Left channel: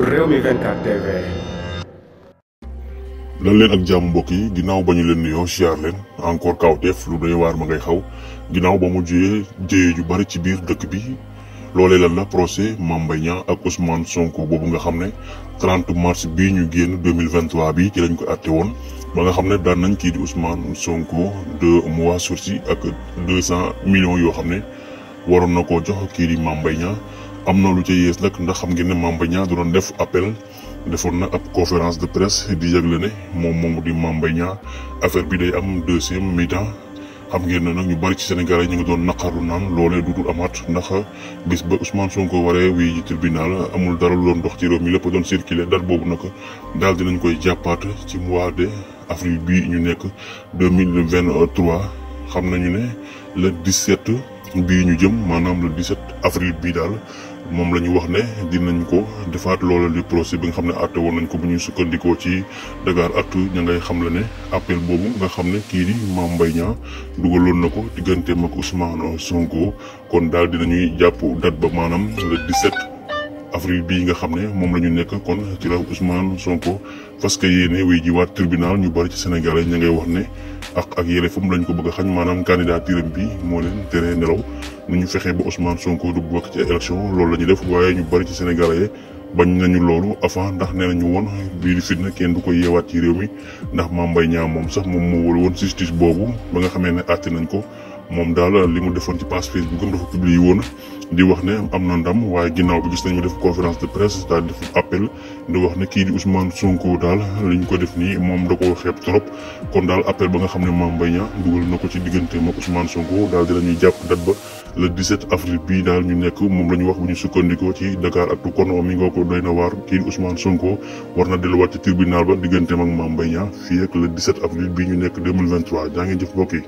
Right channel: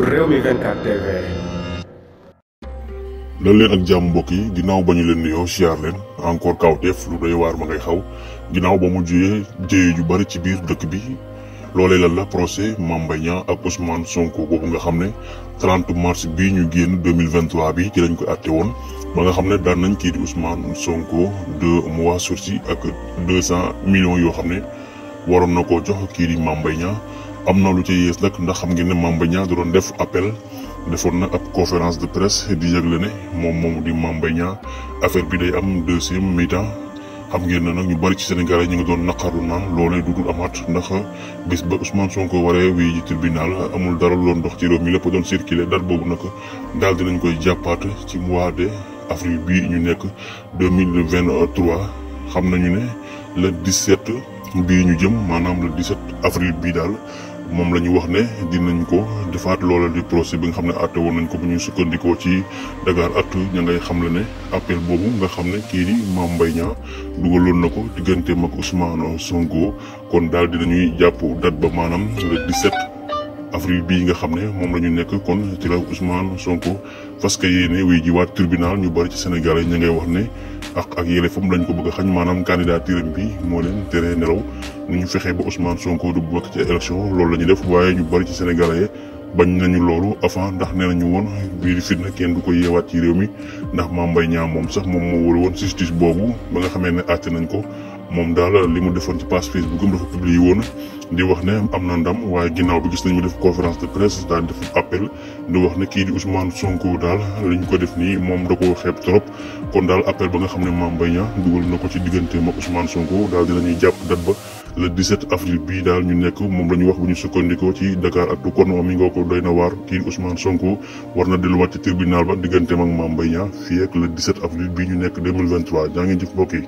Rewmi 24 TV. lan leen ak jàmm mbokk yi ginnaaw ba ñu leen nuyoo siyaar leen encore kawteef lu doy waar ma ngay xaw ginnaaw ba mu juyee jéye ju bari ci biir dëkk bi loolee lan la procès Mame Mbaye Niang ak Ousmane Sonko boobu nga xam ne 30 mars bii ñu génn 2023 bi ci lañ ko àtte woon ba nga xam ne daan nañ kii di Ousmane Sonko 2 mois sursis ak 200 millions yoo xam ne waroon na koo jox kii di Mame Mbaye Niang am na lu ca yees nag ndax xam ngeen ne Mame Mbaye Niang da doon def appel defoon na ab conférence de presse di yëgle ne moom moomu di Mame Mbaye Niang affaire bi day am deuxième mi-temps xam ngeen ne nag ñu bari ci Sénégal yi ñu ngi doon naqarlu naan loolee du dul amaat ndax bis ba Ousmane Sonko waree wii ji tribunal amul dara lu doon dox ci réew mi lépp doon circuler date boobu nag daal dinañ koy jàppaat ci mois de avril bii ñu nekk 2023 xam nañu ne le 17 bii ñu jëm maanaam le 17 avril bii daal moom la ñu wax ne dinañ ko defaat loola di procès bi nga xam ne àtte woon nañ ko bu ñuy sukkandikoo ci Dakaractu ña ngay xam la ne appel boobu nga xam ne kii di Mame Mbaye Niang dugaloon na ko digganteem ak Ousmane Sonko kon daal dinañuy jàpp date ba maanaam le 17 avril bii nga xam ne moom la ñu nekk kon ci la Ousmane Sonko parce que yéene wuy ji waat tribunal ñu bari ci Sénégal yi ñu ngay wax ne ak yelleefam lañ ko bëgg a xañ maanaam candidature bi moo leen tere nelaw nu ñu fexee ba Ousmane Sonko du bokk ci élection loolu la ñu def waaye ñu bari ci Sénégalais bañ nañu loolu avant ndax nee nañu woon bii di fitna kenn du ko yeewaat ci réew mi ndax Mame Mbaye Niang moom sax moom moo wër woon justice boobu ba nga xamee ne àtte nañ ko moom daal li mu defoon ci page Facebook am dafa publié woon di wax ne am na ndam waaye ginnaaw bi gis nañ mu def conférence de presse daal def appel di wax ne kii di Ousmane Sonko daal liñ ko def nii moom da koo xeeb trop kon daal appel ba nga xam ne Mame Mbaye Niang dugal na ko ci digganteem ak Ousmane Sonko daal dinañuy jàpp date ba le 17 avril bii daal ñu nekk moom la ñu wax bu ñu sukkandikoo ci Dakaractu kon mi ngoo ko doy na waar kii di Ousmane Sonko war na delluwaat ci tribunal ba digganteem ak Mame Mbaye Niang fii ak le 17 avril bii ñu nekk 2023 jaa ngeen jëf mbokk yi